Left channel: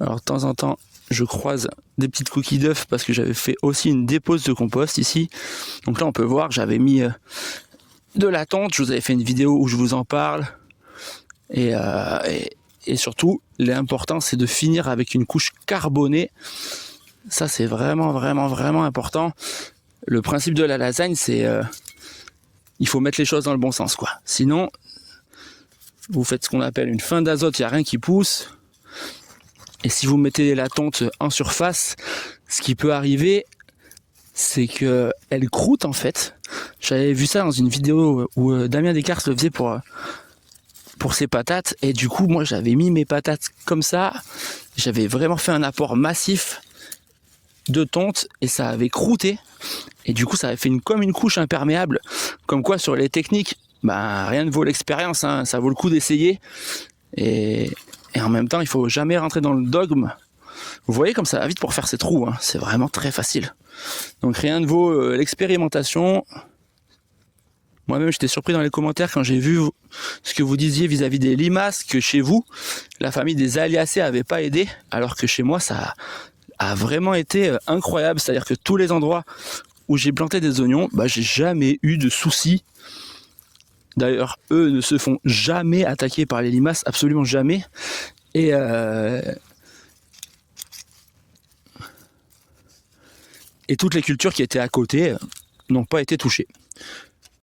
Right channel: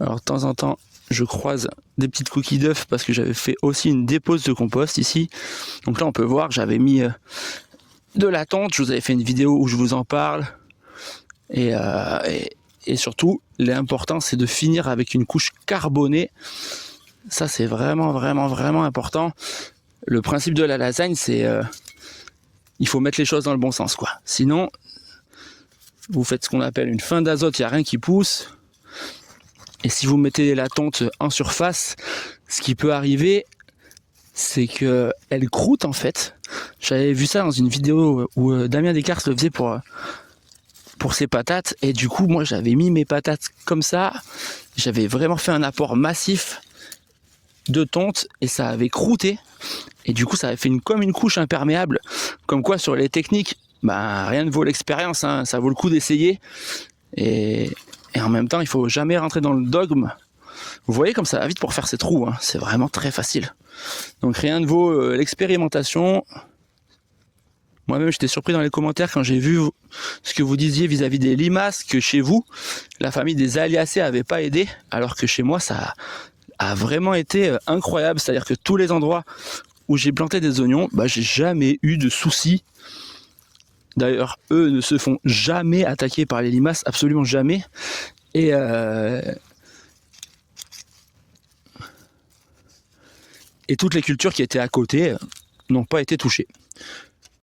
Alors de temps en temps, je croise des petites coquilles d'œufs parce que j'avais fait aussi une dépose de compost ici. Donc là, on peut voir, j'avais mis de la tonte. Je vous avais fait une vidéo où je vous en parle. Et surtout, l'important, c'est de finir avec une couche carbonée. Ça, c'est vraiment, vraiment, vraiment important. Le principe de la lasagne, c'est il faut mettre les choses dans le bon sens, quoi. Sinon, vous faites ce qu'on appelle une fin d'azote, il n'y a rien qui pousse. Et si vous mettez la tonte en surface, ce qui peut arriver, c'est qu'elle croûte en fait. J'avais vu ça dans une vidéo où Damien Descartes le faisait pour ses patates. Et du coup, moi, j'avais mis mes patates comme ça. J'avais vraiment fait un apport massif de tonte et ça avait croûté. Et du coup, ça avait fait comme une couche imperméable. Comme quoi, sur les techniques, rien ne vaut l'expérience, hein. Ça vaut le coup d'essayer. Et en même temps, il faut jamais rentrer dans le dogme. Vous voyez comme ça va vite pour faire ces trous, hein. C'est vraiment très facile. Donc rien ne vaut l'expérimentation. Moi-même, j'étais surpris dans les commentaires quand j'ai vu ce que vous disiez vis-à-vis des limaces, que chez vous, la famille des Aliacées n'avait pas aidé, alors que chez moi, ça a vraiment été incroyable. C'est-à-dire que tous les endroits où j'ai planté des oignons, j'ai jamais eu de soucis. D'ailleurs, eux ne se font jamais attaquer par les limaces, absolument jamais. Et toutes les cultures qui étaient à côté n'ont pas été touchées.